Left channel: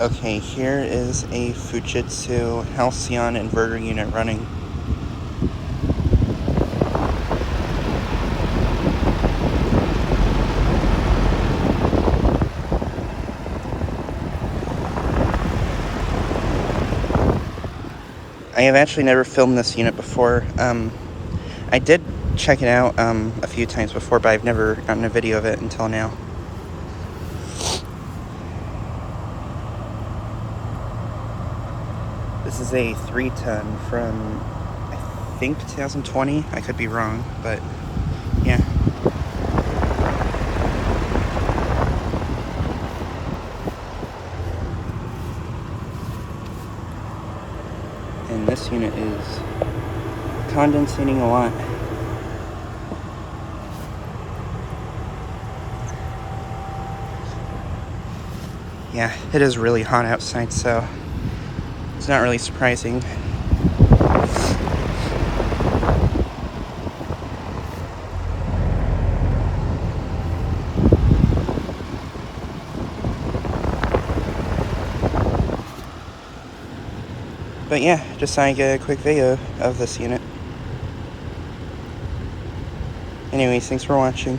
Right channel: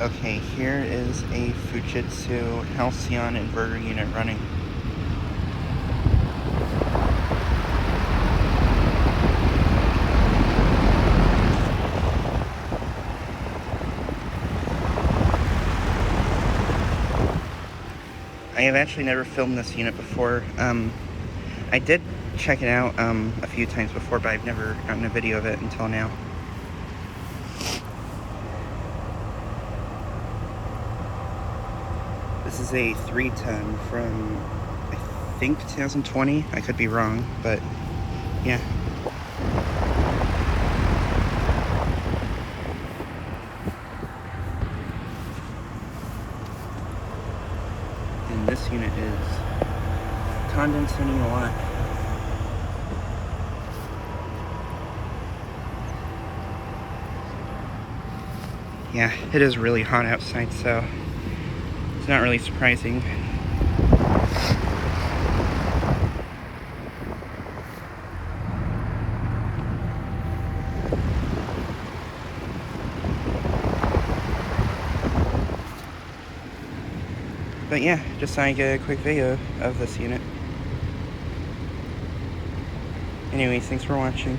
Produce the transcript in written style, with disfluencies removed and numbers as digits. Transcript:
Okay, here is a Fujitsu Halcyon inverter unit running. I have actually never filmed this unit before. I did check it out a few times before, but I've never gotten a video of it until now. This is a 3-ton from, I think, 2020. I could be wrong, but yeah. And this unit is condensating a lot. Yeah, it is really hot outside, so it's not really surprising. But yeah, just thought I'd get a quick video of this unit. Anyways, thanks for watching.